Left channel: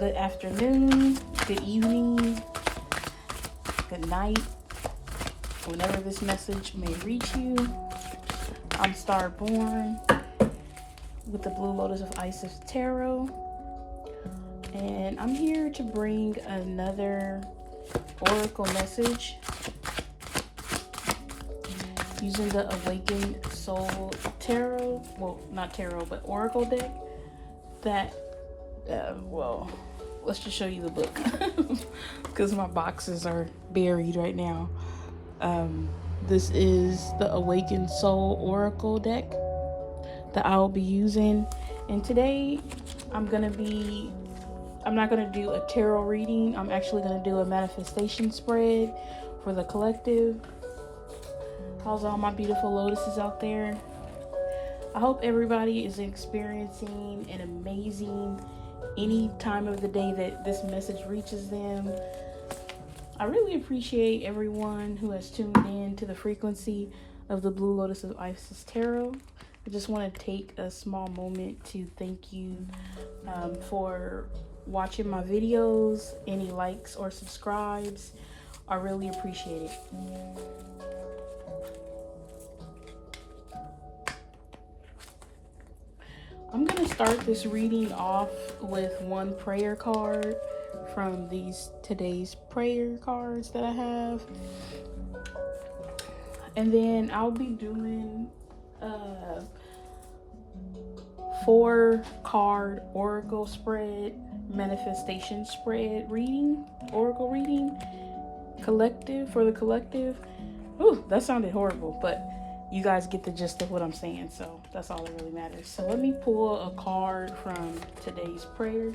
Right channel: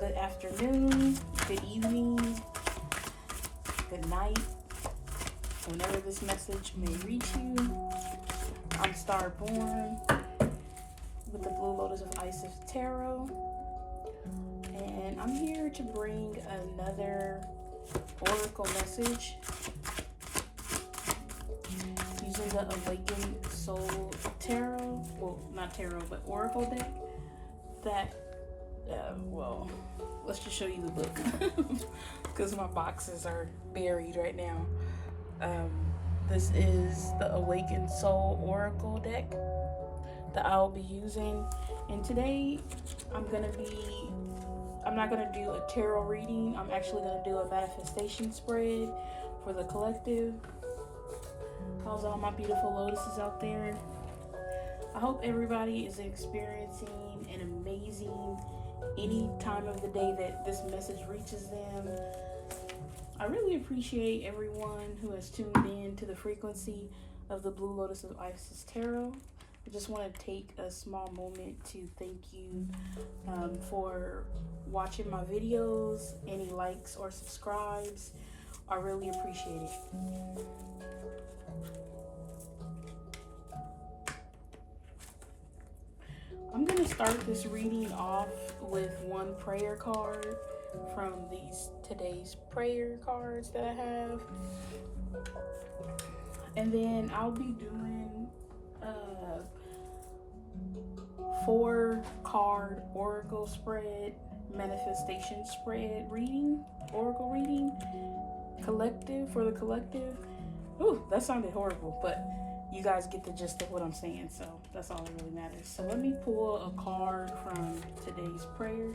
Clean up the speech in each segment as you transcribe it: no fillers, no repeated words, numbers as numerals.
good afternoon, good evening, good night, whenever this message may reach you. I'm Starborn with the Blue Lotus of Isis Tarot, and I'm here to bring another oracle message using the Awakened Soul Tarot, well, not tarot, but oracle deck that, let's just show you the book because my boxes are buried right now. This is the Awakened Soul Oracle deck that I will be using, and today I'm not going to do a tarot reading. I'm actually going to do a manifestation spread for the collective. How's all my beautiful lotuses out there? I hope everybody is experiencing an amazing any time of the day that this message reaches them. I really appreciate everyone who has tuned in to the frequency of the Blue Lotus of Isis Tarot. I just want to take a small moment to thank you for watching my videos. Any likes or subscribes, I really appreciate it. I'm going to start this reading off with one prayer card from today's prayer cards that I have. And then I'll be doing a 4-card oracle spread, manifestation spread reading, oracle reading, collective, for the collective. Ooh, that sounded horrible, but you guys get the gist of what I'm saying, so that's all that really matters. So let me pull a card from today's prayer.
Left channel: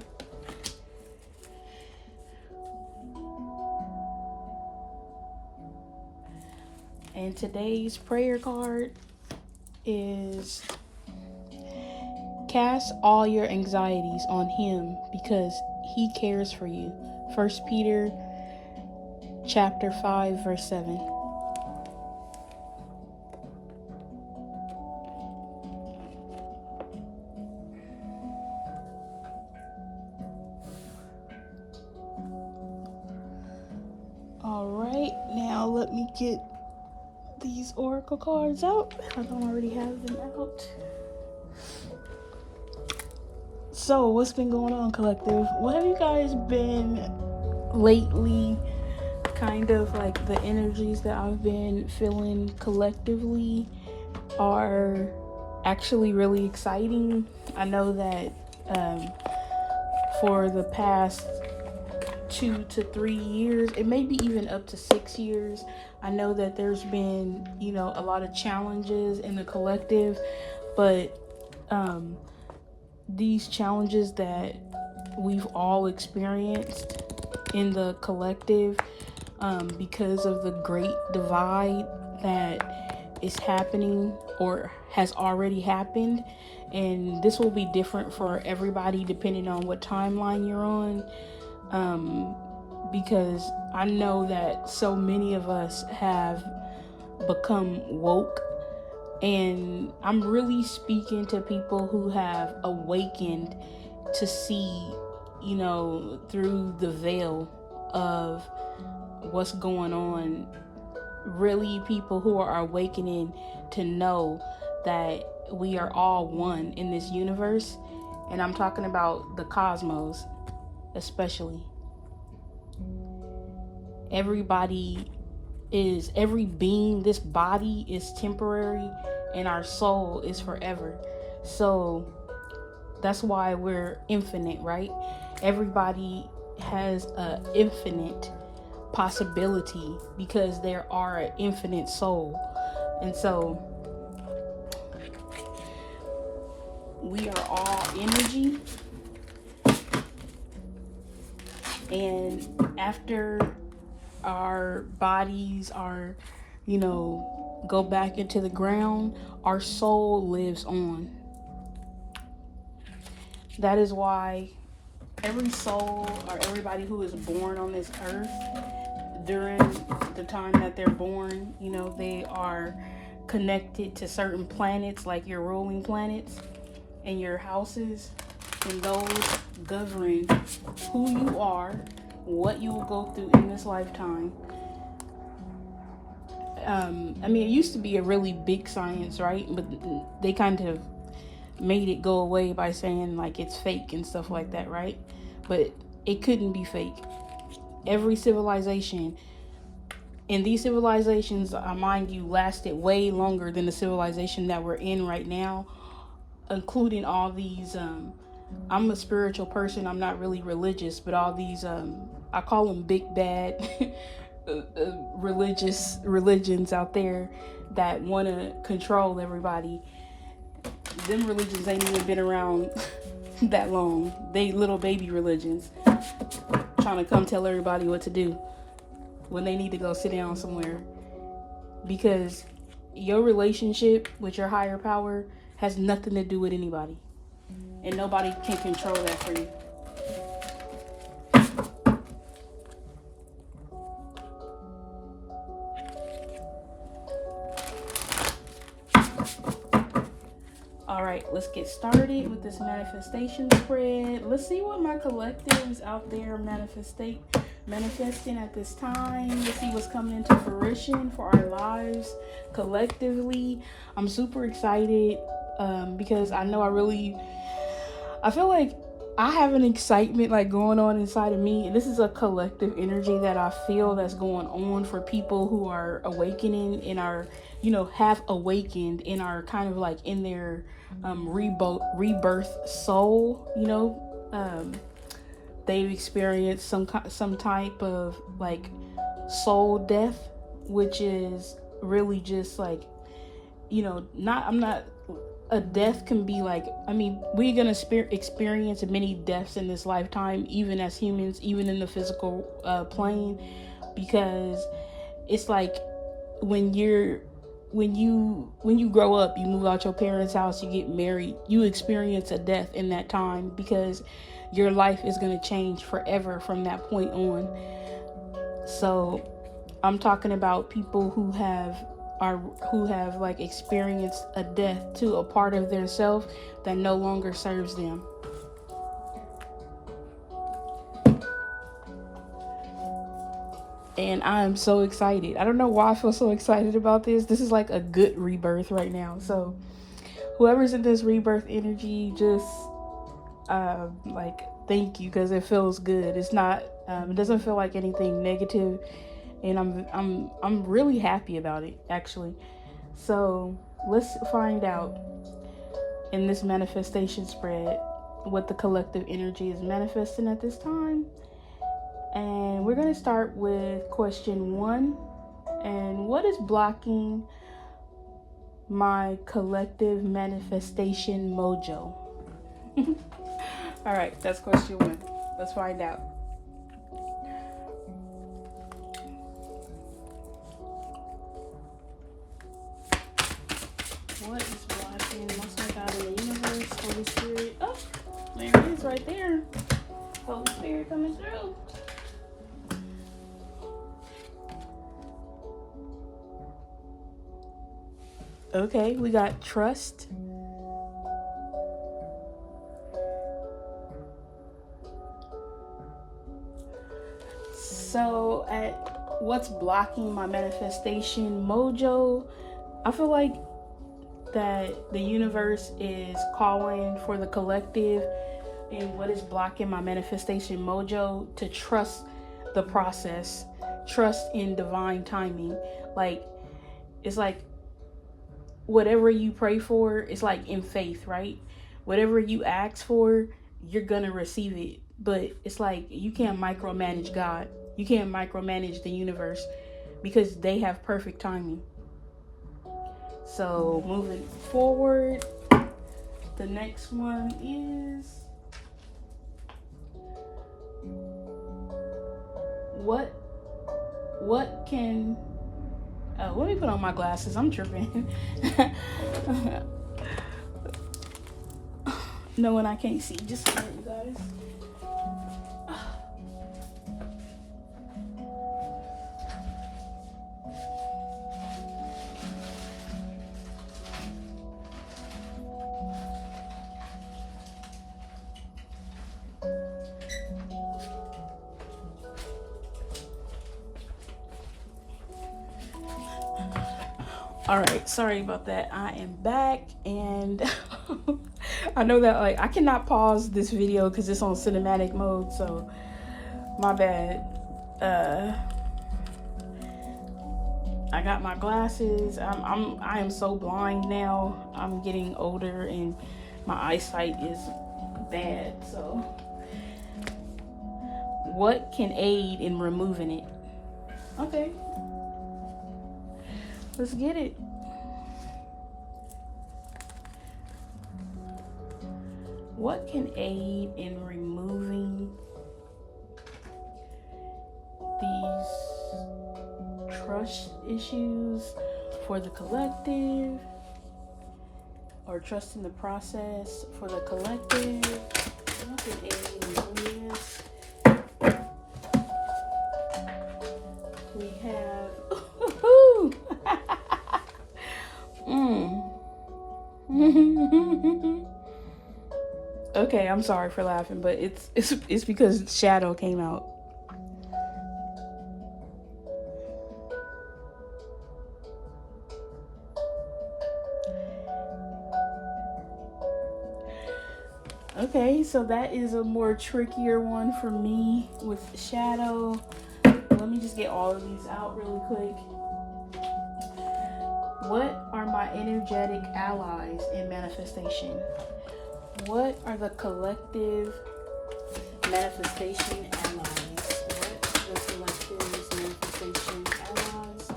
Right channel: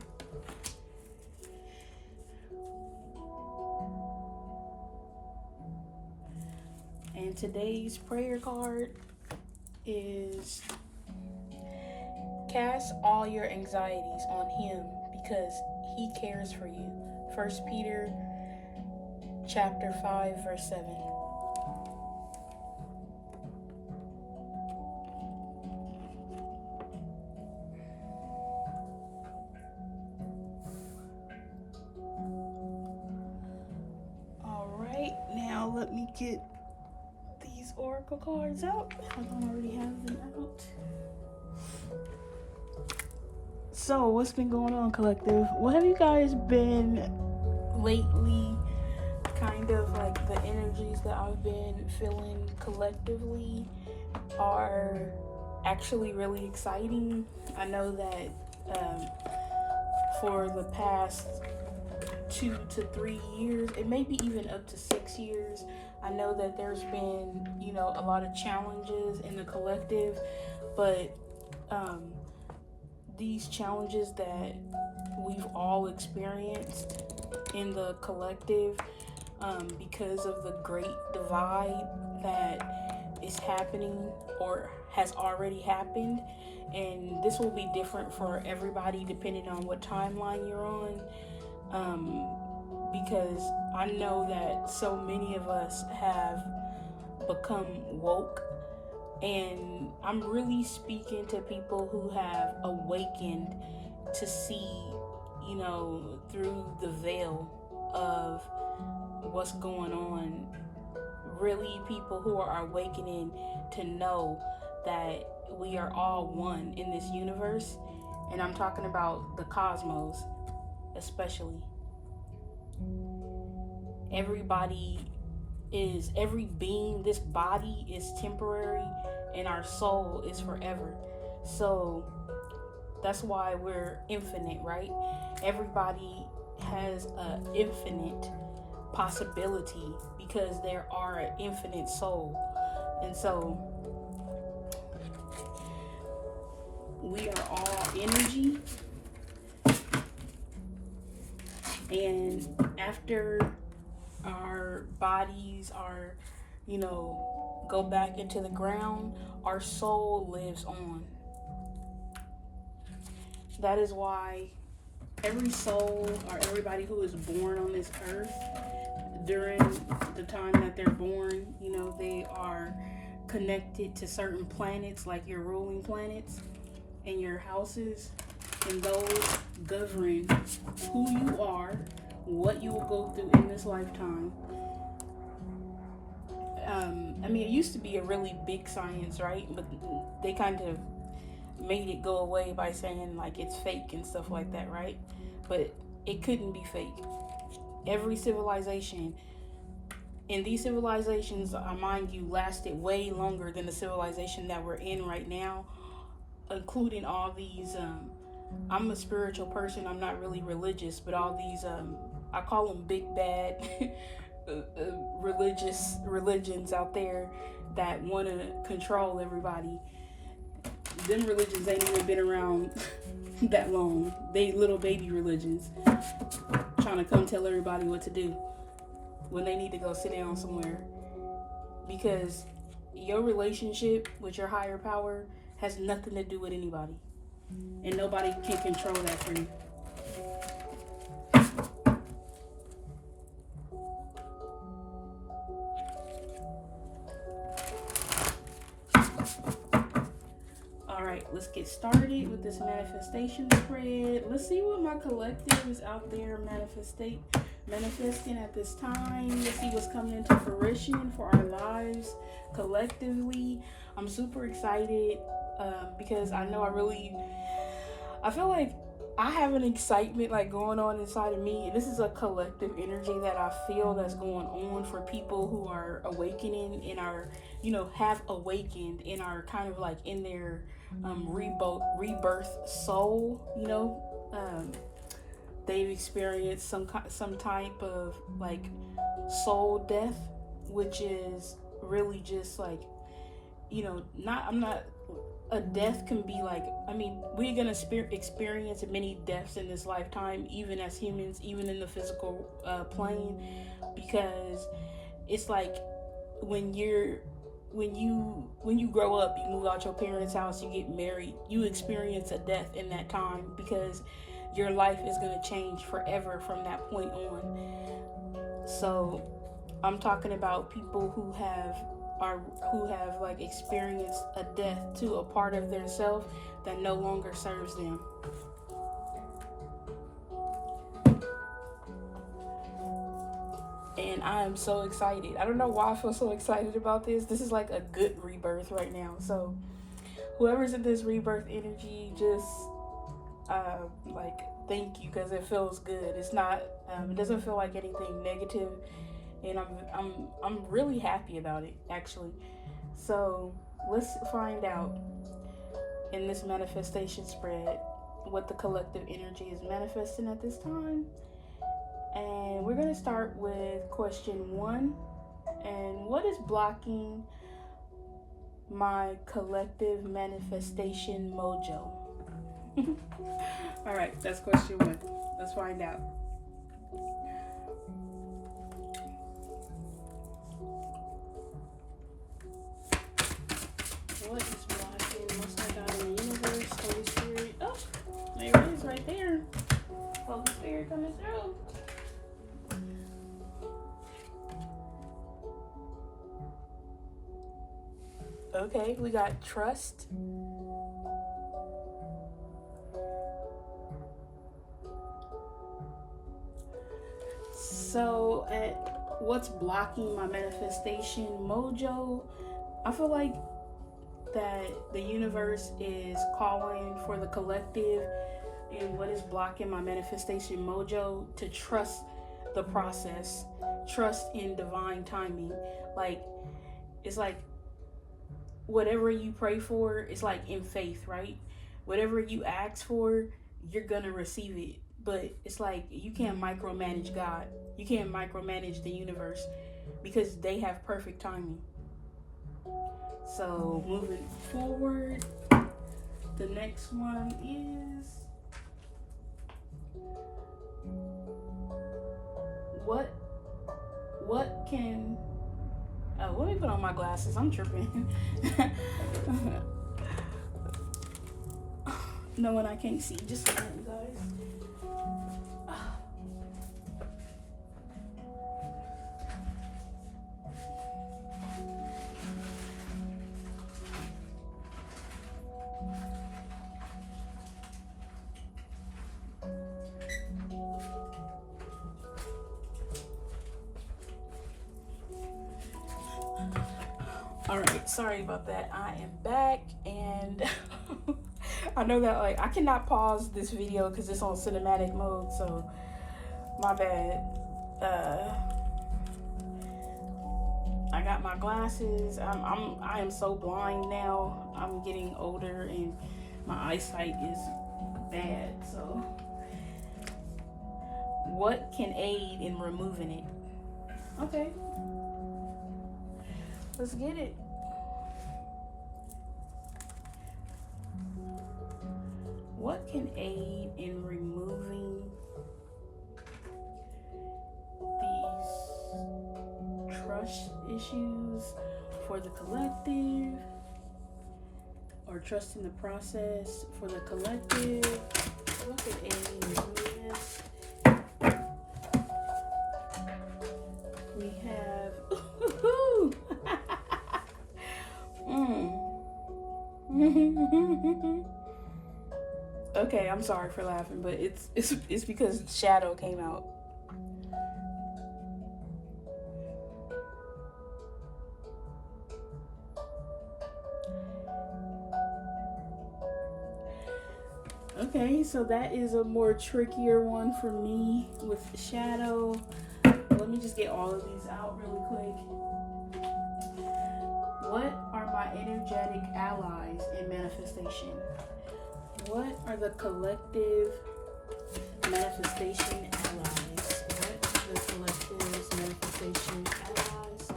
And today's prayer card is: cast all your anxieties on him because he cares for you. 1 Peter chapter 5 verse 7. Alright, now let me get these oracle cards out. I don't already have them out. So, what's been going on, collective? What have you guys been lately? Kind of like the energies that I've been feeling collectively are actually really exciting. I know that for the past 2 to 3 years, it may be even up to 6 years, I know that there's been, a lot of challenges in the collective, but these challenges that we've all experienced in the collective, because of the great divide that is happening or has already happened, and this will be different for everybody depending on what timeline you're on. Because I know that so many of us have become woke, and I'm really speaking to people who have awakened to see, through the veil of what's going on. Really, people who are awakening to know that we are all one in this universe, and I'm talking about the cosmos especially. Every being, this body is temporary and our soul is forever. So that's why we're infinite, right? Everybody has an infinite possibility because there are an infinite soul. And so we are all energy. And after our bodies are, go back into the ground, our soul lives on. That is why every soul or everybody who is born on this earth, during the time that they're born, they are connected to certain planets, like your ruling planets and your houses. and those govern who you are, what you will go through in this lifetime. I mean, it used to be a really big science, right? But they kind of made it go away by saying like it's fake and stuff like that, right? But it couldn't be fake. Every civilization, and these civilizations, mind you, lasted way longer than the civilization that we're in right now, including all these. I'm a spiritual person. I'm not really religious, but all these, I call them big bad religions out there that want to control everybody. Them religions ain't even been around that long. They little baby religions trying to come tell everybody what to do when they need to go sit down somewhere. Because your relationship with your higher power has nothing to do with anybody. And nobody can control that for you. Alright, let's get started with this manifestation spread. Let's see what my collective is out there manifesting at this time. Let's see what's coming into fruition for our lives collectively. I'm super excited because I know I feel like I have an excitement like going on inside of me, and this is a collective energy that I feel that's going on for people who are awakening and are, have awakened and are kind of like in their rebirth soul. They've experienced some type of like soul death, which is really just like, a death can be like, we're gonna experience many deaths in this lifetime, even as humans, even in the physical plane, because it's like when you grow up, you move out your parents' house, you get married, you experience a death in that time, because your life is going to change forever from that point on. So I'm talking about people who have like experienced a death to a part of their self that no longer serves them. And I'm so excited. I don't know why I feel so excited about this. This is like a good rebirth right now. So whoever's in this rebirth energy, just thank you, because it feels good. It's not it doesn't feel like anything negative, and I'm really happy about it, actually. So let's find out in this manifestation spread what the collective energy is manifesting at this time. And we're going to start with question 1. And what is blocking my collective manifestation mojo? All right, that's question 1. Let's find out. What is blocking? Most High God in the universe, Holy Spirit. Oh, there it is right there. Holy Spirit coming through. Okay, we got trust. So at what's blocking my manifestation mojo, I feel like that the universe is calling for the collective, and what is blocking my manifestation mojo, to trust the process, trust in divine timing. Like, it's like whatever you pray for, it's like in faith, right? Whatever you ask for, you're gonna receive it. But it's like you can't micromanage God. You can't micromanage the universe, because they have perfect timing. So moving forward, the next one is what can let me put on my glasses. I'm tripping. Knowing I can't see, just for you guys. All right, sorry about that. I am back, and I know that like I cannot pause this video because it's on cinematic mode, so my bad. I got my glasses. I am so blind now. I'm getting older, and my eyesight is bad. So, what can aid in removing it? Okay, let's get it. What can aid in removing these trust issues for the collective, or trust in the process for the collective? What can aid in this? We have Okay, I'm sorry for laughing, but it's because Shadow came out. Okay, so that is a more trickier one for me with Shadow. Let me just get all of these out really quick. What are my energetic allies in manifestation? What are the collective manifestation allies? What are the collective manifestation allies?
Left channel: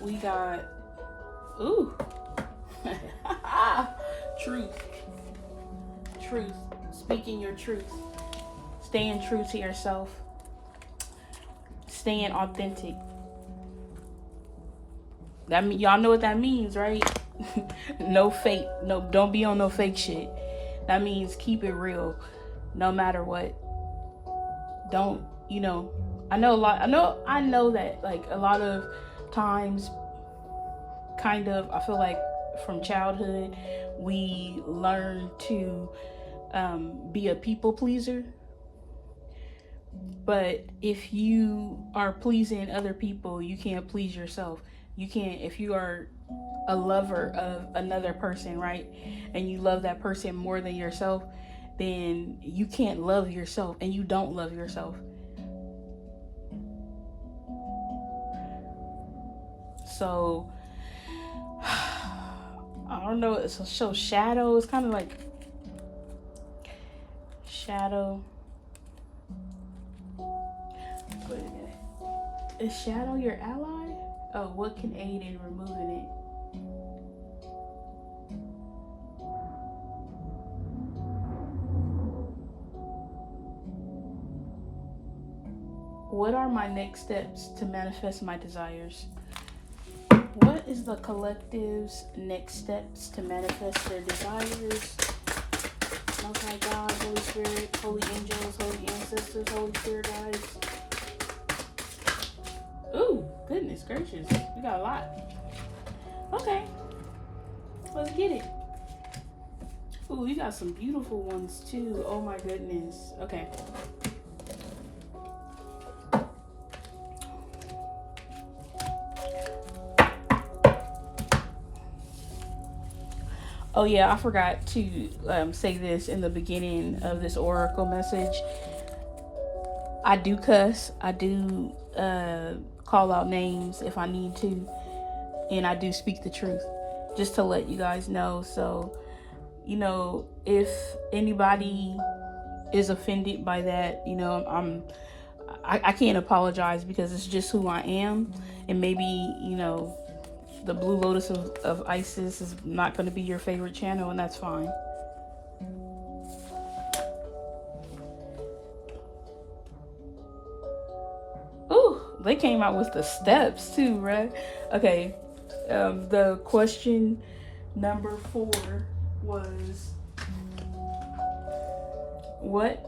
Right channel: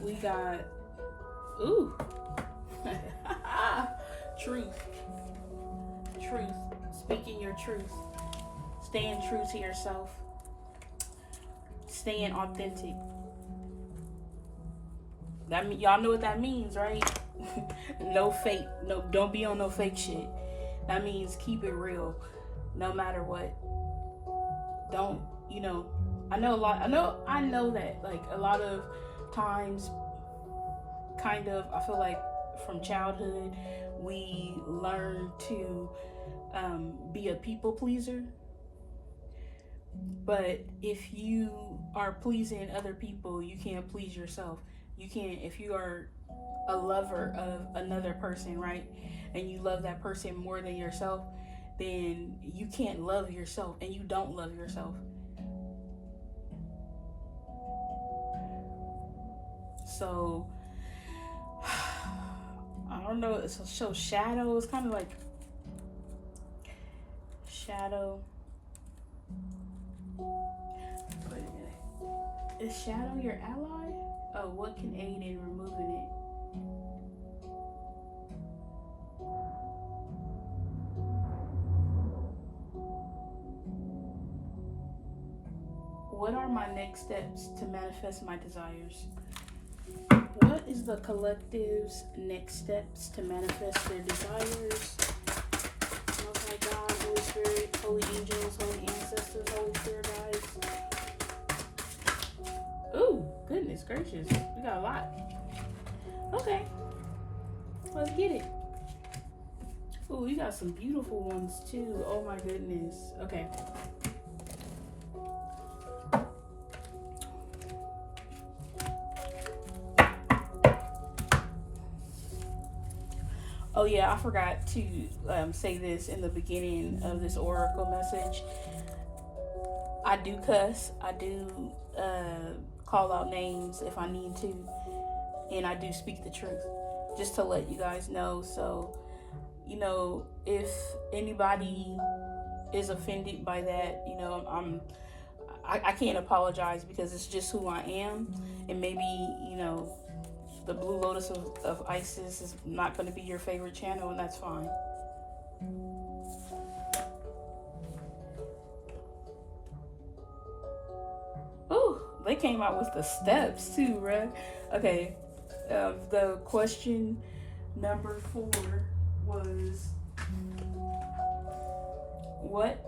We got, ooh, truth. Speaking your truth. Staying true to yourself. Staying authentic. That mean, y'all know what that means, right? No fake. No, don't be on no fake shit. That means keep it real, no matter what. Don't, I know that like a lot of times, kind of, I feel like from childhood we learn to be a people pleaser. But if you are pleasing other people, you can't please yourself. You can't, if you are a lover of another person, right? And you love that person more than yourself, then you can't love yourself, and you don't love yourself. So, I don't know. So Shadow is kind of like Shadow. Wait a minute. Is Shadow your ally? Oh, what can aid in removing it? What are my next steps to manifest my desires? What is the collective's next steps to manifest their desires? Most High God, Holy Spirit, Holy Angels, Holy Ancestors, Holy Spirit Guides. Ooh, goodness gracious. We got a lot. Okay. Let's get it. Ooh, you got some beautiful ones too. Oh my goodness. Okay. Oh yeah, I forgot to say this in the beginning of this oracle message. I do cuss. I do call out names if I need to, and I do speak the truth, just to let you guys know. So, if anybody is offended by that, I can't apologize, because it's just who I am, and maybe the Blue Lotus of Isis is not going to be your favorite channel, and that's fine. Ooh, they came out with the steps too, right? Okay, the question number 4 was, what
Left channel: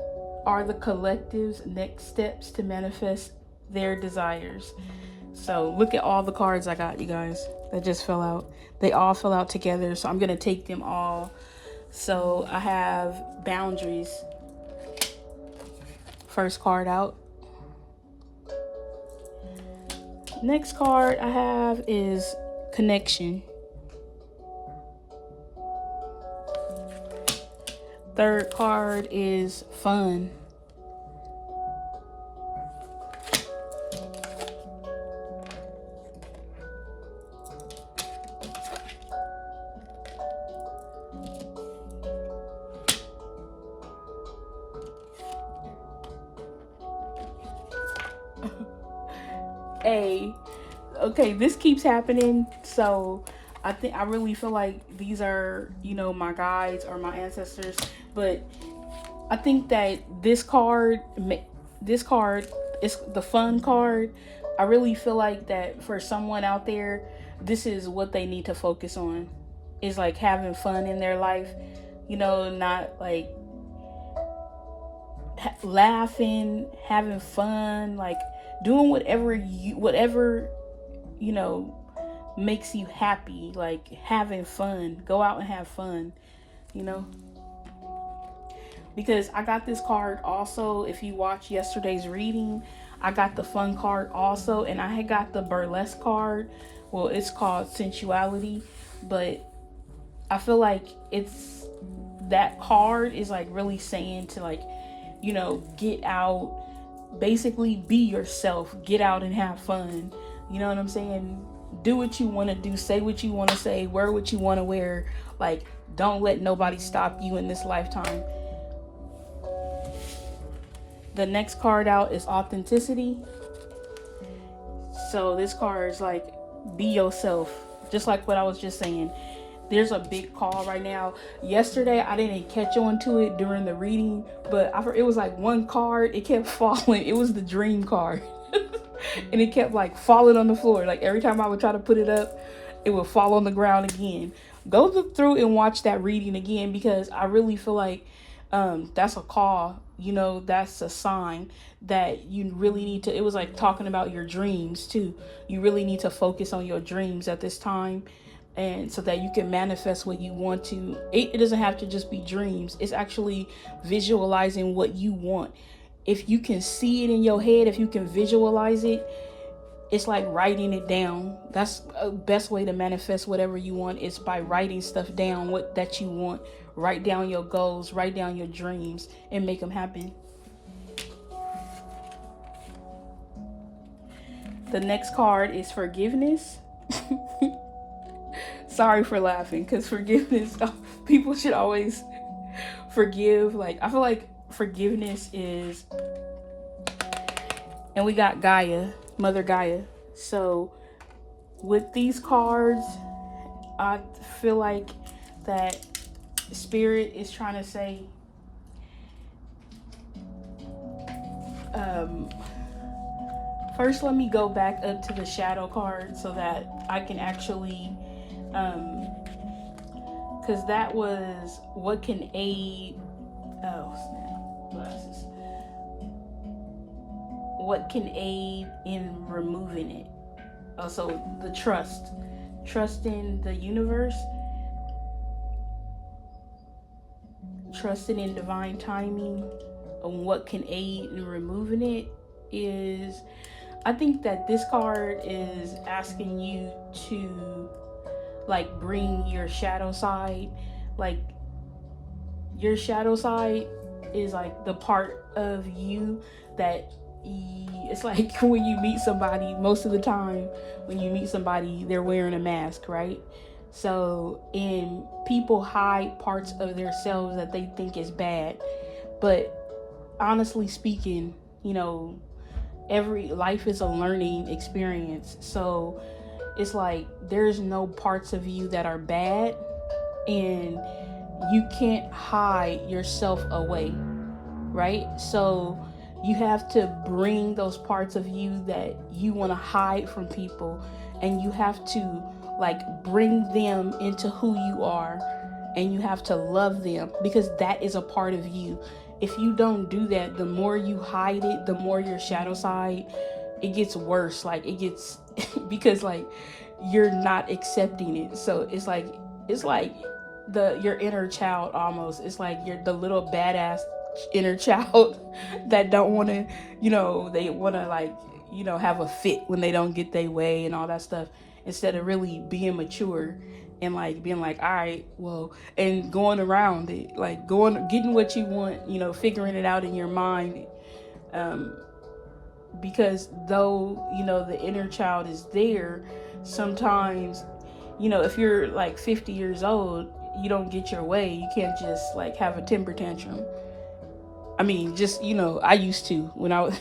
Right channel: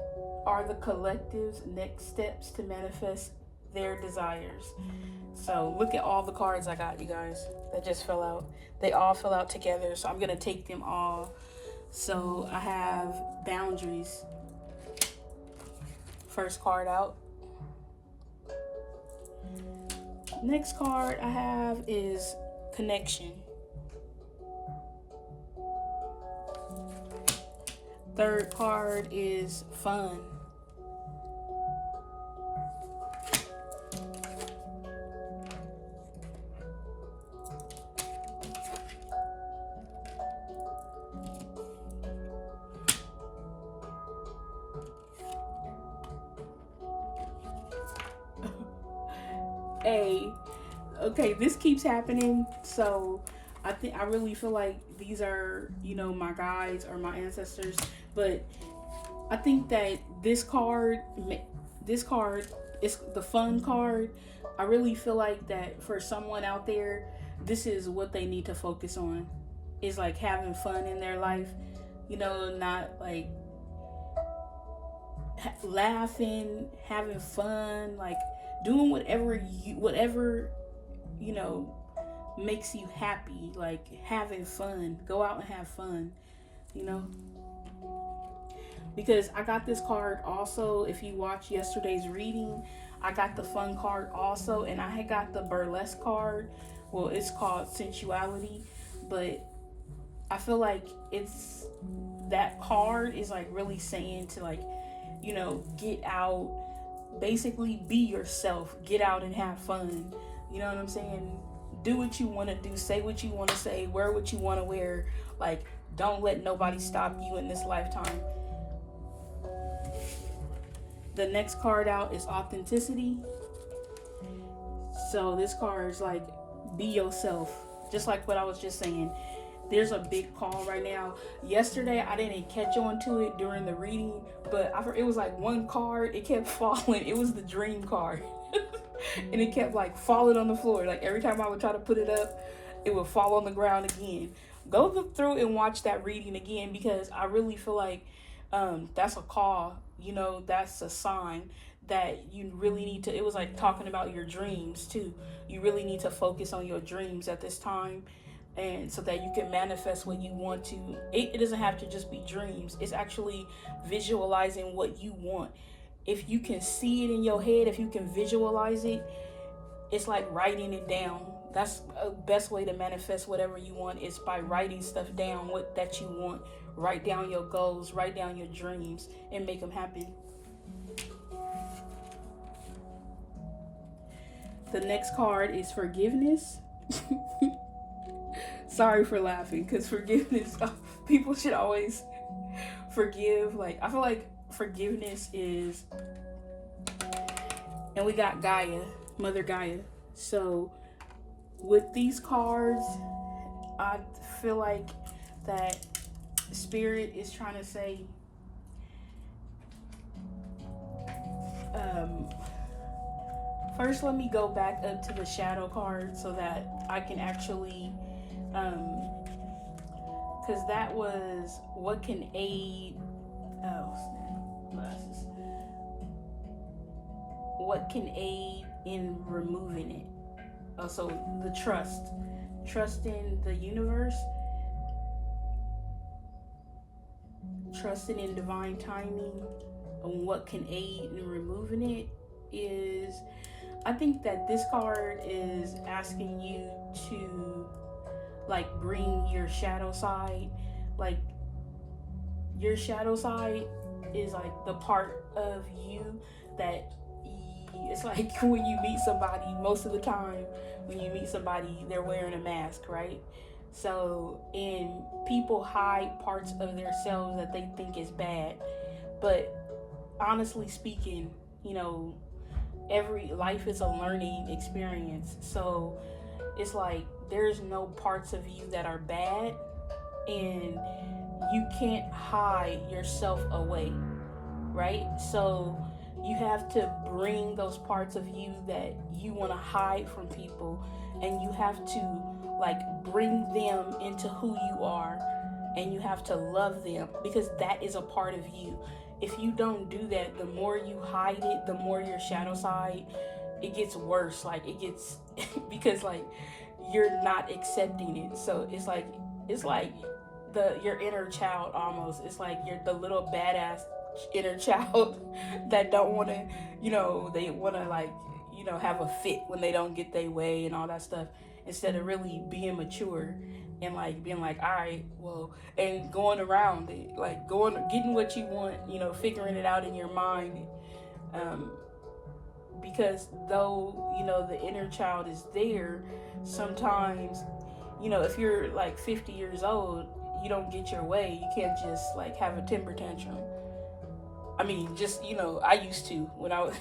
are the collective's next steps to manifest their desires? So look at all the cards I got, you guys, that just fell out. They all fell out together, so I'm gonna take them all. So I have boundaries. First card out. Next card I have is connection. Third card is fun. Okay, this keeps happening. So I really feel like these are, my guides or my ancestors. But I think that this card is the fun card. I really feel like that for someone out there, this is what they need to focus on. Is like having fun in their life. Not like laughing, having fun, like doing whatever you know makes you happy, like having fun. Go out and have fun, you know. Because I got this card also. If you watch yesterday's reading, I got the fun card also, and I had got the burlesque card. Well, it's called sensuality, but I feel like it's that card is like really saying to, like, get out, basically be yourself, get out and have fun. You know what I'm saying? Do what you want to do, say what you want to say, wear what you want to wear. Like, don't let nobody stop you in this lifetime. The next card out is authenticity. So this card is like, be yourself. Just like what I was just saying. There's a big call right now. Yesterday, I didn't catch on to it during the reading, but it was like one card. It kept falling. It was the dream card. And it kept like falling on the floor. Like every time I would try to put it up, it would fall on the ground again. Go look through and watch that reading again, because I really feel like that's a call. That's a sign that you really need to. It was like talking about your dreams too. You really need to focus on your dreams at this time, and so that you can manifest what you want to. It doesn't have to just be dreams. It's actually visualizing what you want. If you can see it in your head, if you can visualize it, it's like writing it down. That's the best way to manifest whatever you want, is by writing stuff down, what that you want. Write down your goals, write down your dreams, and make them happen. The next card is forgiveness. Sorry for laughing, because forgiveness, people should always forgive. Like, I feel like forgiveness is, and we got Gaia, Mother Gaia. So with these cards, I feel like that Spirit is trying to say, first let me go back up to the shadow card so that I can actually, because that was what can aid, glasses, what can aid in removing it. Also, the trust in the universe, trusting in divine timing, and what can aid in removing it is, I think that this card is asking you to, like, bring your shadow side. Like, your shadow side is like the part of you that it's like when you meet somebody, most of the time when you meet somebody, they're wearing a mask, right? So, and people hide parts of themselves that they think is bad. But honestly speaking, every life is a learning experience. So it's like there's no parts of you that are bad, and you can't hide yourself away, right? So you have to bring those parts of you that you want to hide from people, and you have to, like, bring them into who you are, and you have to love them, because that is a part of you. If you don't do that, the more you hide it, the more your shadow side, it gets worse. Like, it gets because, like, you're not accepting it. So it's like your inner child almost. It's like you're the little badass inner child that don't want to, they want to, like, have a fit when they don't get their way and all that stuff, instead of really being mature and like being like, all right, well, and going around it, like getting what you want, figuring it out in your mind. um because though the inner child is there, sometimes if you're like 50 years old, you don't get your way, you can't just like have a temper tantrum. I mean, just I used to when I was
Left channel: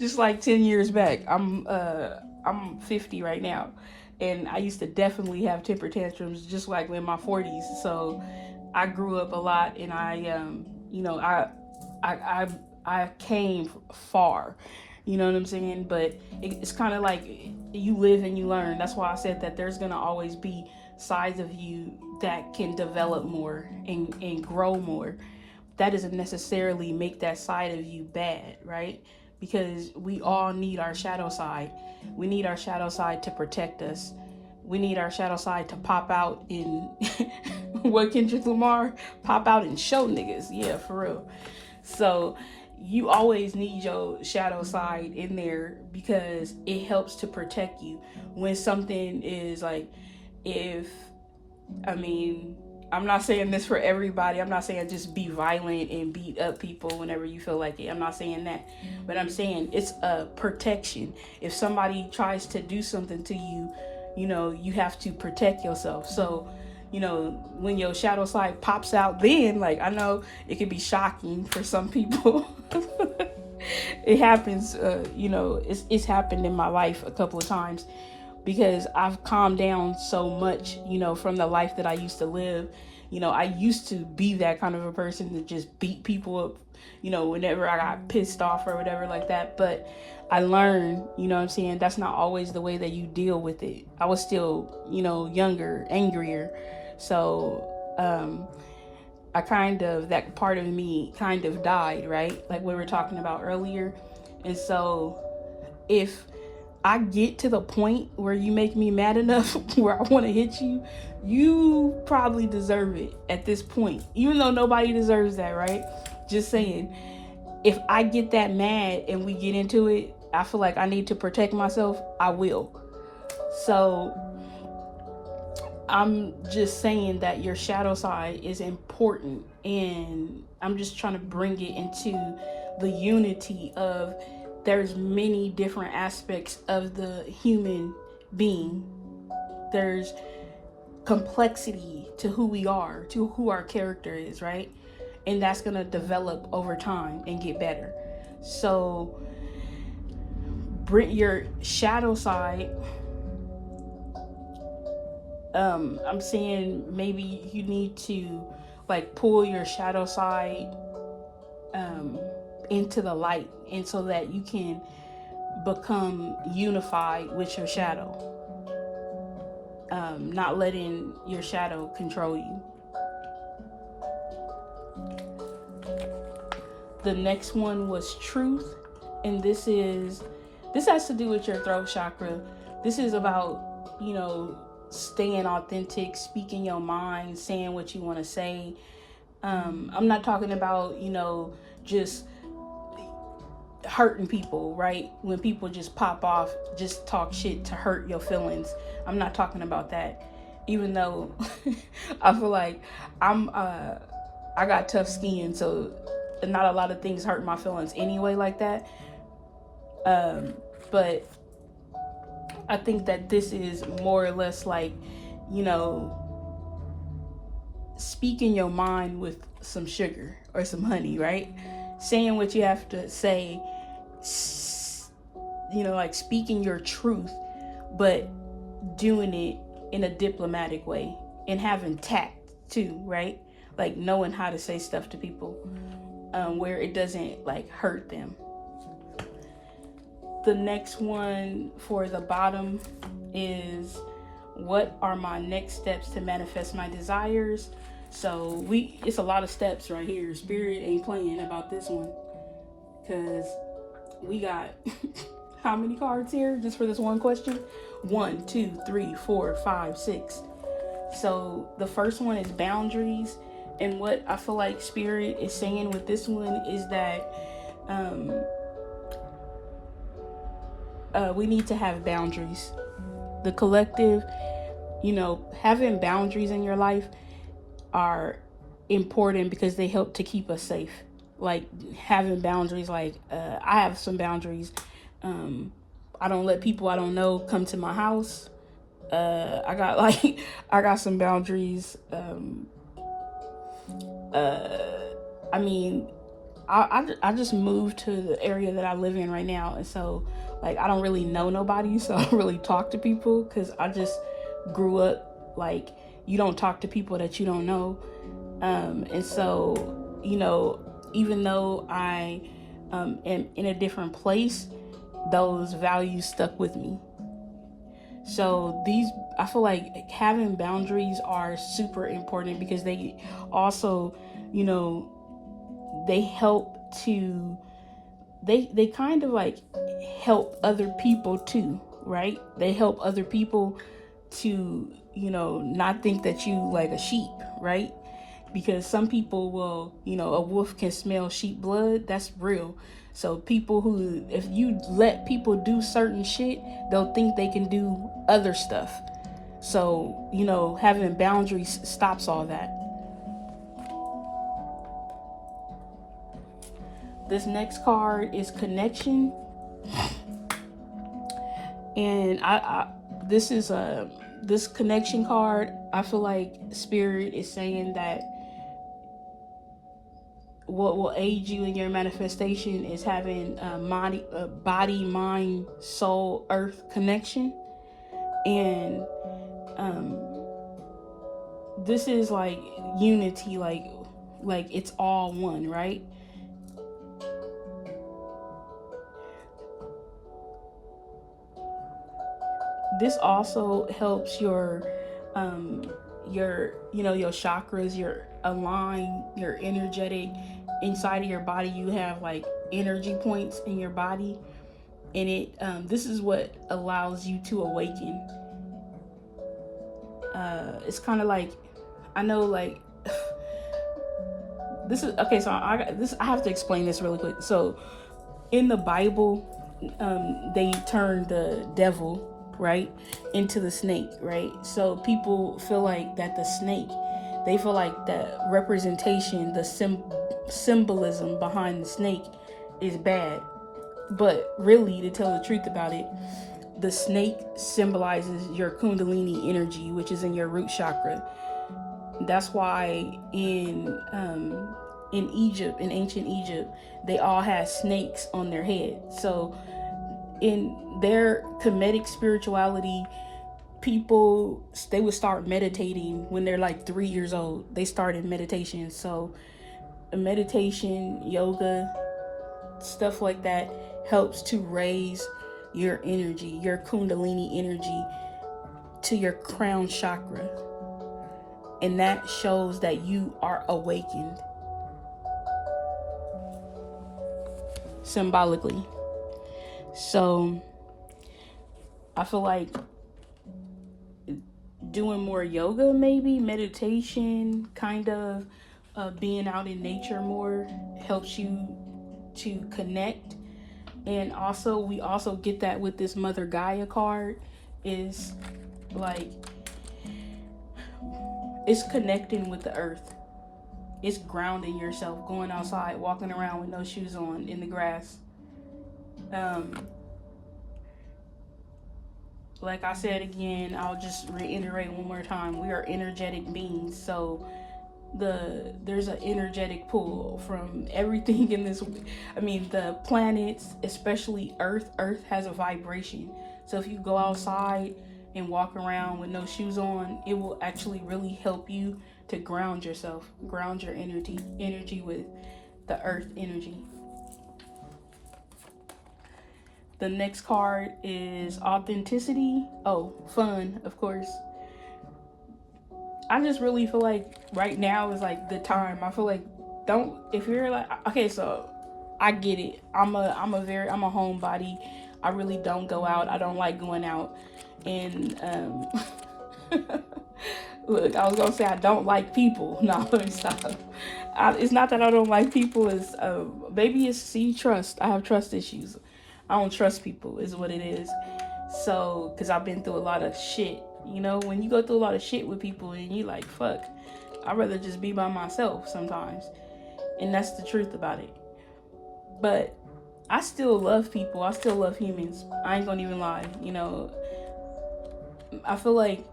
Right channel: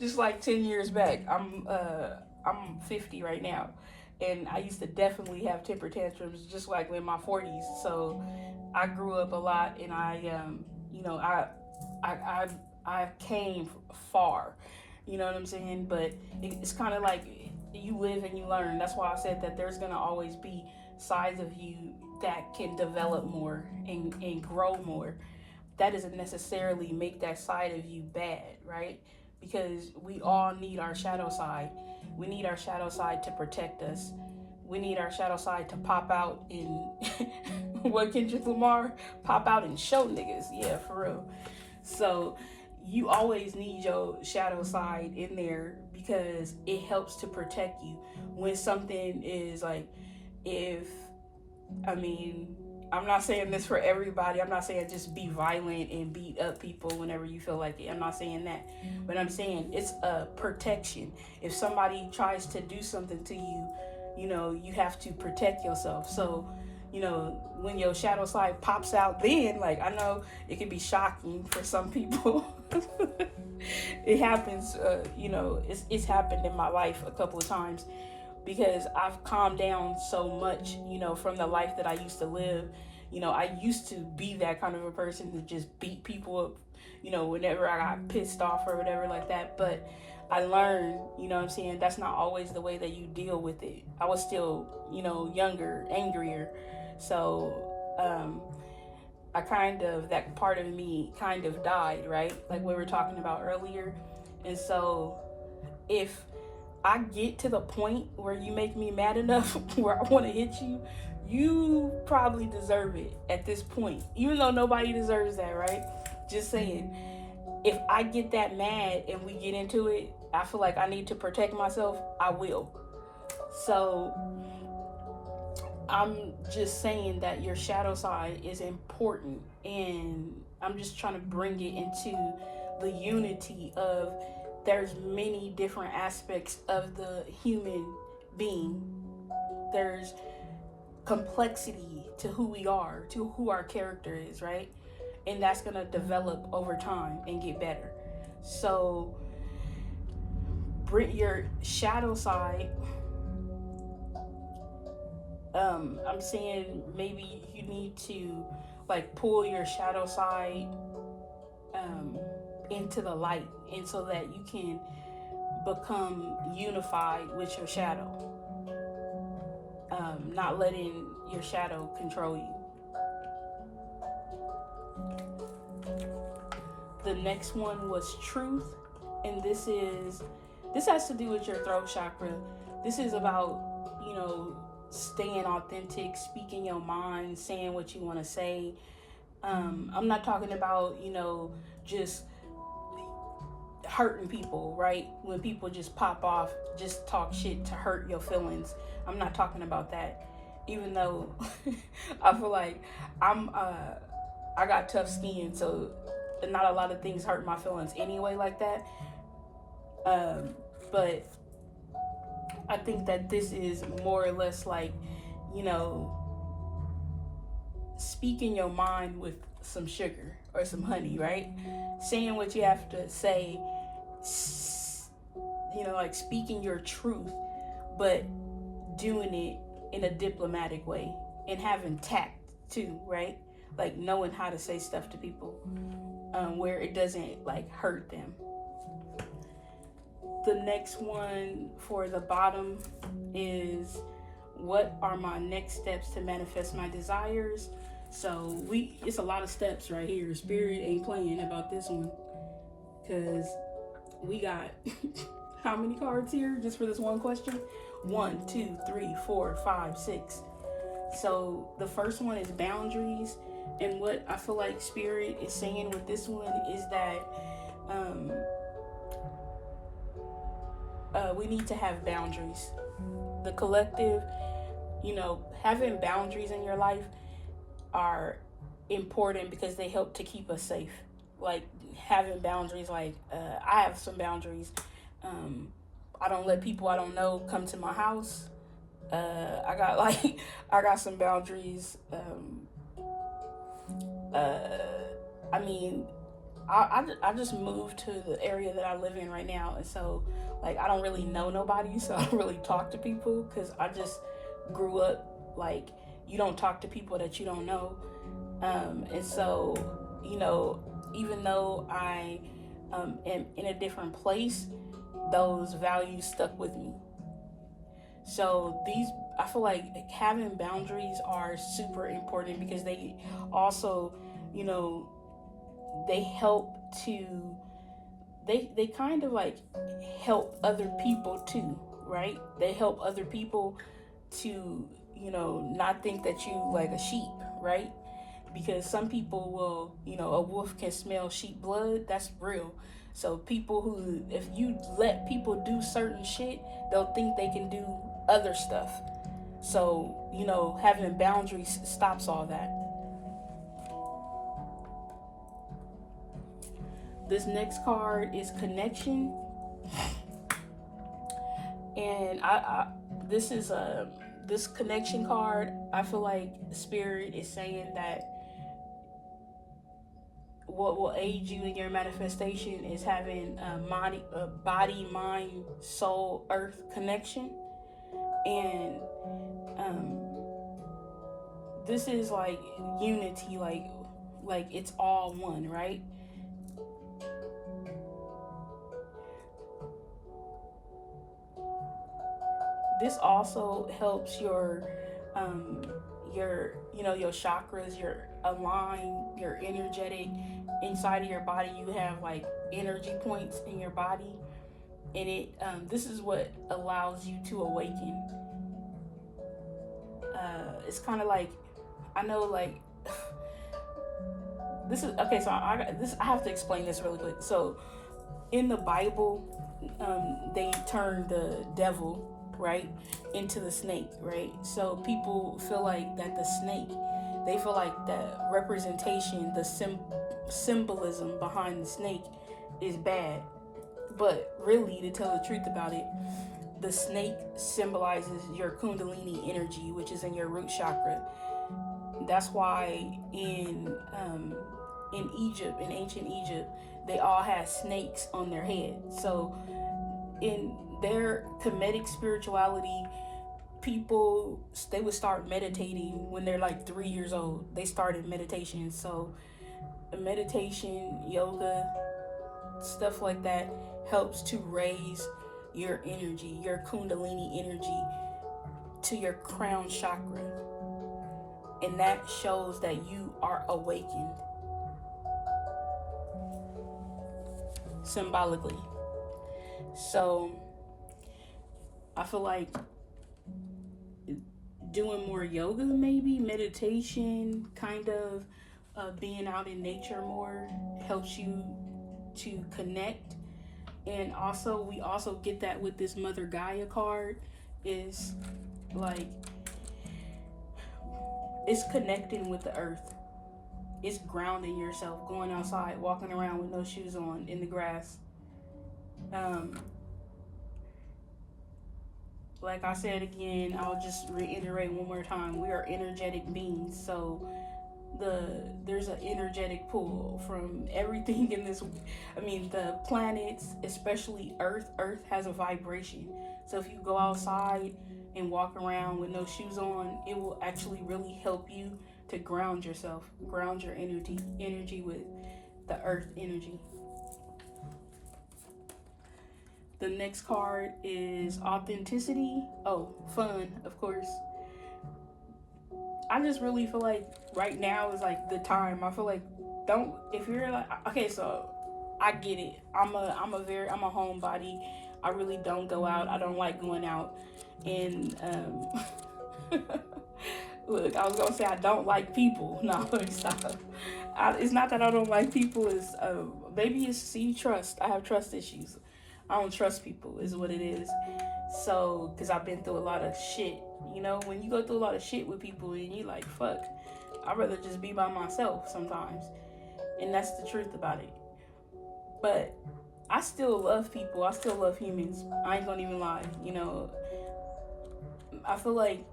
just like 10 years back. I'm 50 right now, and I used to definitely have temper tantrums just like in my 40s. So I grew up a lot, and I came far. You know what I'm saying? But it's kind of like you live and you learn. That's why I said that there's gonna always be sides of you that can develop more and grow more. That doesn't necessarily make that side of you bad, right? Because we all need our shadow side. We need our shadow side to protect us. We need our shadow side to pop out in what Kendrick Lamar pop out and show niggas. Yeah, for real. So you always need your shadow side in there because it helps to protect you when something is like, if I mean, I'm not saying this for everybody. I'm not saying just be violent and beat up people whenever you feel like it. I'm not saying that. But I'm saying it's a protection. If somebody tries to do something to you, you have to protect yourself. So, when your shadow side pops out, then, like, I know it can be shocking for some people. It happens, it's happened in my life a couple of times, because I've calmed down so much, from the life that I used to live. I used to be that kind of a person to just beat people up, whenever I got pissed off or whatever like that. But I learned, what I'm saying, that's not always the way that you deal with it. I was still, younger, angrier. So, that part of me kind of died, right? Like we were talking about earlier. And so if I get to the point where you make me mad enough where I want to hit you, you probably deserve it at this point. Even though nobody deserves that, right? Just saying, if I get that mad and we get into it, I feel like I need to protect myself, I will. So I'm just saying that your shadow side is important, and I'm just trying to bring it into the unity of there's many different aspects of the human being. There's complexity to who we are, to who our character is, right? And that's gonna develop over time and get better. So bring your shadow side. I'm saying maybe you need to like pull your shadow side into the light, and so that you can become unified with your shadow. Not letting your shadow control you. The next one was truth, and this has to do with your throat chakra. This is about, staying authentic, speaking your mind, saying what you want to say. I'm not talking about, just hurting people, right? When people just pop off, just talk shit to hurt your feelings. I'm not talking about that. Even though I feel like I got tough skin, so not a lot of things hurt my feelings anyway like that. But I think that this is more or less like, speaking your mind with some sugar or some honey, right? Saying what you have to say, like speaking your truth, but doing it in a diplomatic way and having tact too, right? Like knowing how to say stuff to people where it doesn't like hurt them. The next one for the bottom is, what are my next steps to manifest my desires? So it's a lot of steps right here. Spirit ain't playing about this one, because we got how many cards here just for this one question? 1, 2, 3, 4, 5, 6. So the first one is boundaries, and what I feel like Spirit is saying with this one is that we need to have boundaries. The collective, having boundaries in your life are important because they help to keep us safe. Like having boundaries, like I have some boundaries. I don't let people I don't know come to my house. I got I got some boundaries. Uh, I mean, I just moved to the area that I live in right now, and so like I don't really know nobody, so I don't really talk to people because I just grew up like you don't talk to people that you don't know, and so even though I am in a different place, those values stuck with me. So I feel like having boundaries are super important because they also, you know, they help to they kind of like help other people too, right? They help other people to, not think that you like a sheep, right? Because some people will, a wolf can smell sheep blood. That's real. So people who, if you let people do certain shit, they'll think they can do other stuff. So, having boundaries stops all that. This next card is connection. And this is this connection card. I feel like Spirit is saying that what will aid you in your manifestation is having a body, mind, soul, earth connection. And this is like unity, like it's all one, right? This also helps your your chakras, your align, your energetic. Inside of your body you have like energy points in your body, and this is what allows you to awaken. It's kind of like, I know, like this is okay. So I have to explain this really quick. So in the Bible, they turned the devil, right, into the snake, right? So people feel like that the snake, they feel like the representation, the symbolism behind the snake is bad. But really, to tell the truth about it, the snake symbolizes your kundalini energy, which is in your root chakra. That's why in Egypt, in ancient Egypt, they all had snakes on their head. So in their Kemetic spirituality, people, they would start meditating when they're like 3 years old. They started meditation. So meditation, yoga, stuff like that helps to raise your energy, your kundalini energy, to your crown chakra. And that shows that you are awakened symbolically. So I feel like doing more yoga, maybe meditation, kind of being out in nature more helps you to connect. And also we also get that with this Mother Gaia card, is like it's connecting with the earth. It's grounding yourself, going outside, walking around with no shoes on in the grass. Like I said again, I'll just reiterate one more time. We are energetic beings, so there's an energetic pull from everything in this. I mean, the planets, especially Earth. Earth has a vibration. So if you go outside and walk around with no shoes on, it will actually really help you to ground yourself, ground your energy with the Earth energy. The next card is authenticity. Oh, fun, of course. I just really feel like right now is like the time. I feel like, don't, if you're like, okay, so I get it. I'm a homebody. I really don't go out. I don't like going out. And look, I was gonna say I don't like people. No, let me stop. It's not that I don't like people. It's maybe it's trust. I have trust issues. I don't trust people is what it is. So, because I've been through a lot of shit. You know, when you go through a lot of shit with people and you like, fuck, I'd rather just be by myself sometimes. And that's the truth about it. But I still love people. I still love humans. I ain't gonna even lie. You know, I feel like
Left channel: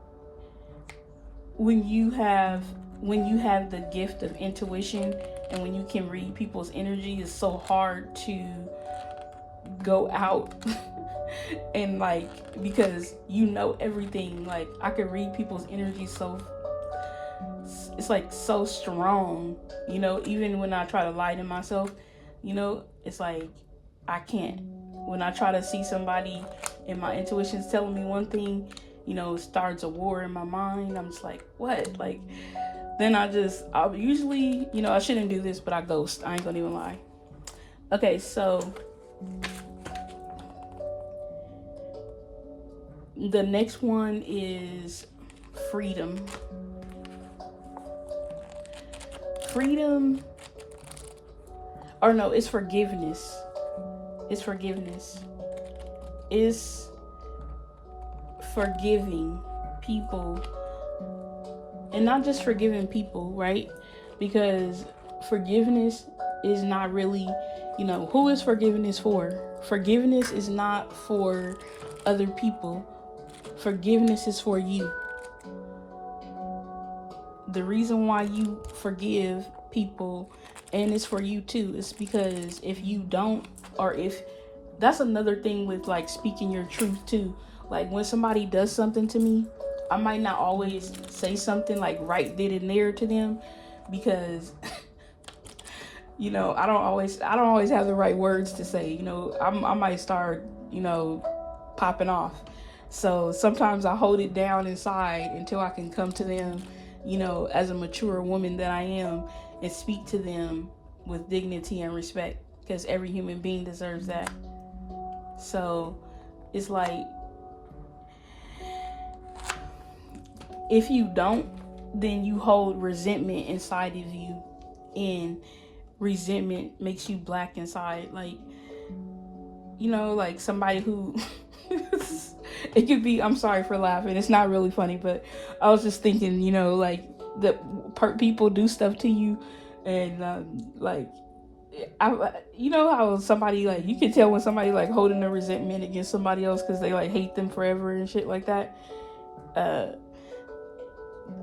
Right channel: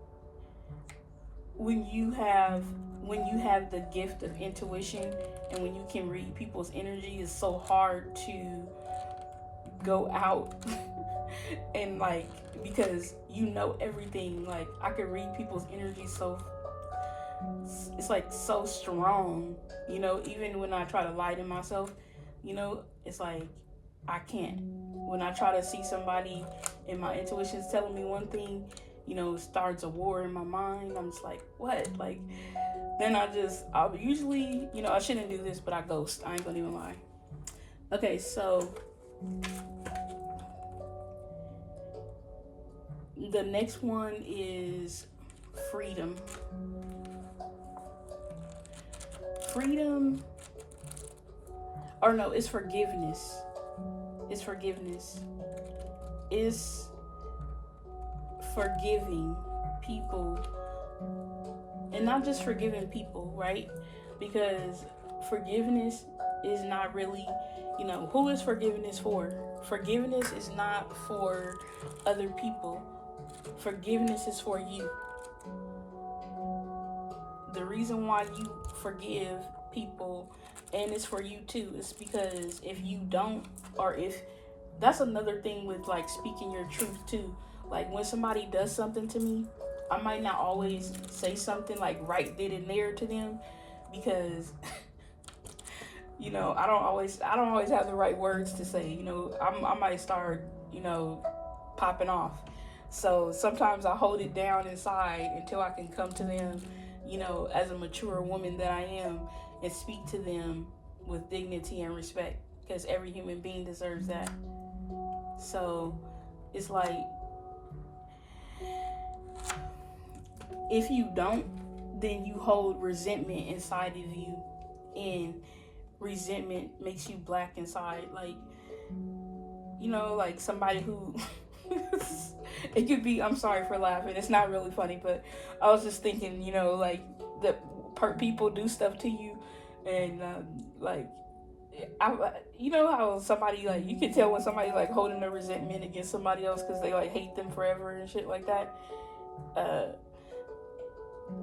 when you have the gift of intuition and when you can read people's energy, it's so hard to go out and like, because you know everything. Like, I could read people's energy, so it's like so strong, you know. Even when I try to lie to myself, you know, it's like I can't. When I try to see somebody and my intuition's telling me one thing, you know, it starts a war in my mind. I'm just like, what? Like, then I'll usually, you know, I shouldn't do this, but I ghost. I ain't gonna even lie. Okay, so the next one is freedom. Freedom, or no, it's forgiveness. It's forgiveness. It's forgiving people. And not just forgiving people, right? Because forgiveness is not really, you know, who is forgiveness for? Forgiveness is not for other people. Forgiveness is for you. The reason why you forgive people, and it's for you too, is because if you don't, or if that's another thing with like speaking your truth too. Like when somebody does something to me, I might not always say something like right then and there to them, because you know, I don't always have the right words to say. You know, I might start, you know, popping off. So sometimes I hold it down inside until I can come to them, you know, as a mature woman that I am, and speak to them with dignity and respect, because every human being deserves that. So it's like, if you don't, then you hold resentment inside of you, and resentment makes you black inside. Like, you know, like somebody who it could be, I'm sorry for laughing, it's not really funny, but I was just thinking, you know, like the people do stuff to you, and like you know how somebody, like, you can tell when somebody like holding a resentment against somebody else because they like hate them forever and shit like that.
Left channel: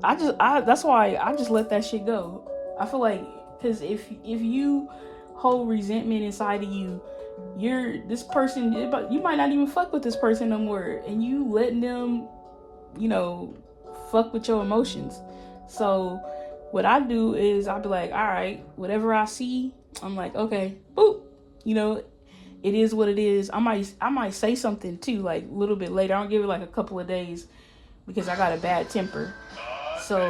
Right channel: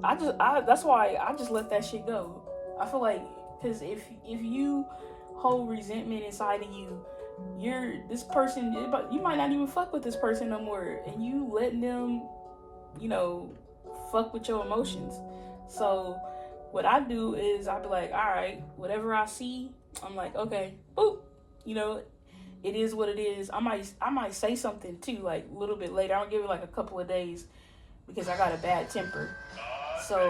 That's why I just let that shit go. I feel like, because if you hold resentment inside of you, this person, you might not even fuck with this person no more, and you letting them, you know, fuck with your emotions. So what I do is I'll be like, all right, whatever I see, I'm like, okay, boop, you know, it is what it is. I might say something too, like a little bit later. I'll give it like a couple of days, because I got a bad temper. So,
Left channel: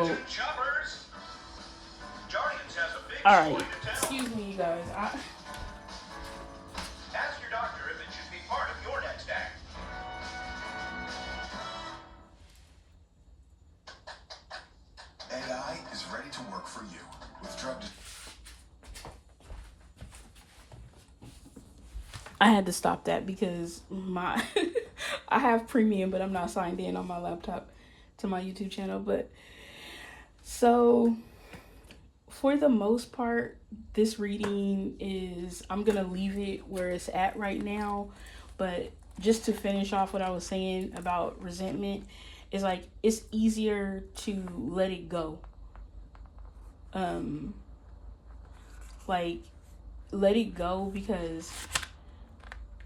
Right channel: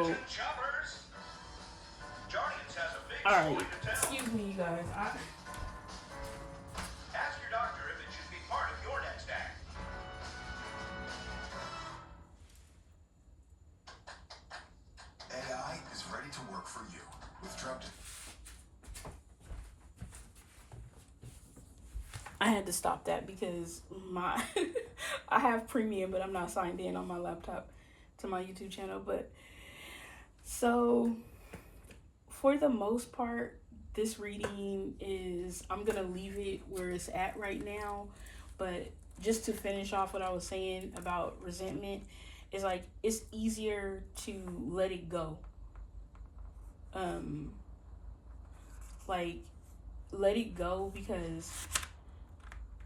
all right, excuse me, you guys. Ask your doctor if it should be part of your next act. AI is ready to work for you with drug. I had to stop that because I have premium, but I'm not signed in on my laptop to my YouTube channel. But so for the most part, this reading is, I'm gonna leave it where it's at right now. But just to finish off what I was saying about resentment, is like, it's easier to let it go. Like, let it go, because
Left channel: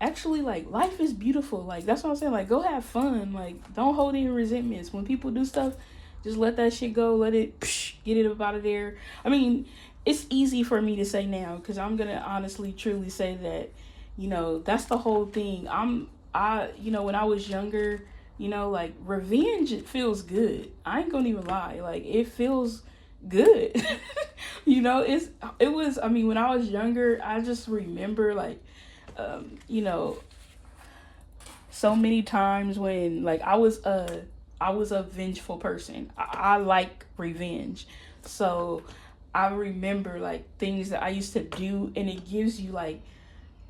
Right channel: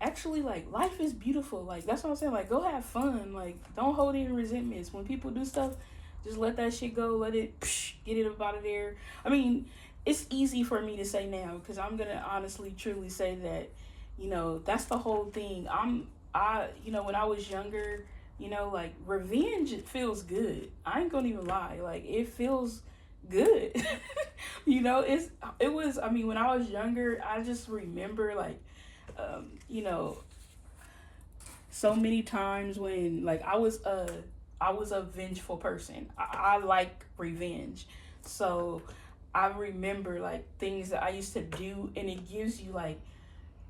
actually, like, life is beautiful. Like, that's what I'm saying. Like, go have fun. Like, don't hold any resentments. When people do stuff, just let that shit go. Let it, get it up out of there. I mean, it's easy for me to say now, because I'm gonna honestly, truly say that, you know, that's the whole thing. You know, when I was younger, you know, like, revenge, it feels good. I ain't gonna even lie. Like, it feels good. You know, I mean, when I was younger, I just remember, like, you know, so many times when, like, I was a vengeful person. I like revenge. So I remember, like, things that I used to do, and it gives you, like,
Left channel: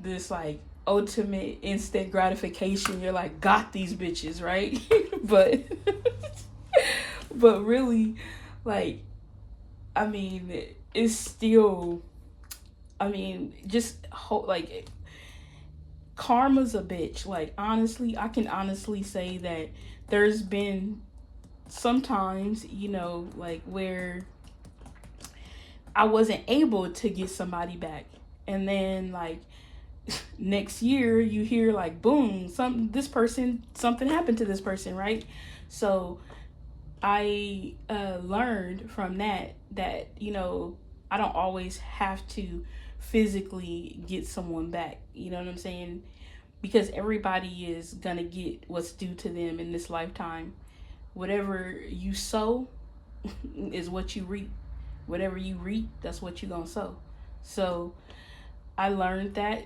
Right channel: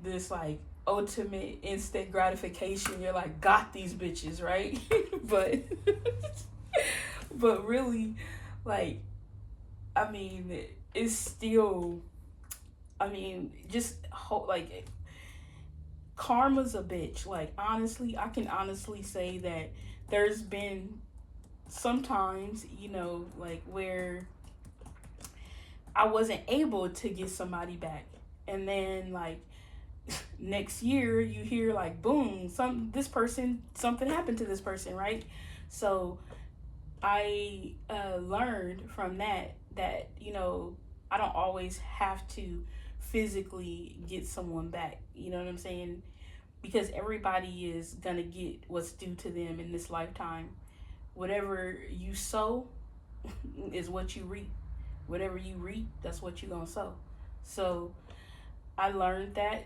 this, like, ultimate instant gratification. You're like, got these bitches, right? but but really, like, I mean, it's still, I mean, just like, karma's a bitch. Like, honestly, I can honestly say that there's been sometimes, like, where I wasn't able to get somebody back, and then, like, next year you hear, like, boom, something happened to this person, right? So I learned from that I don't always have to physically get someone back. You know what I'm saying? Because everybody is gonna get what's due to them in this lifetime. Whatever you sow is what you reap. Whatever you reap, that's what you're gonna sow. So I learned that,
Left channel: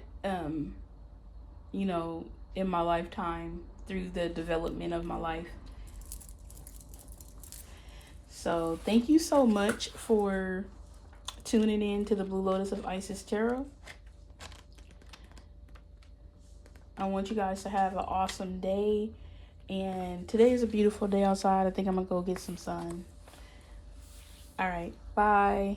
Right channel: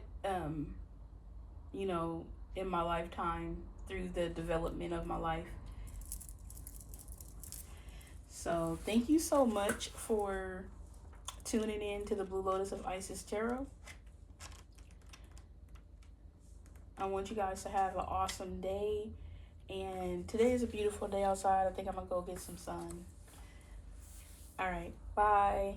you know, in my lifetime through the development of my life. So thank you so much for tuning in to the Blue Lotus of Isis Tarot. I want you guys to have an awesome day. And today is a beautiful day outside. I think I'm going to go get some sun. All right. Bye.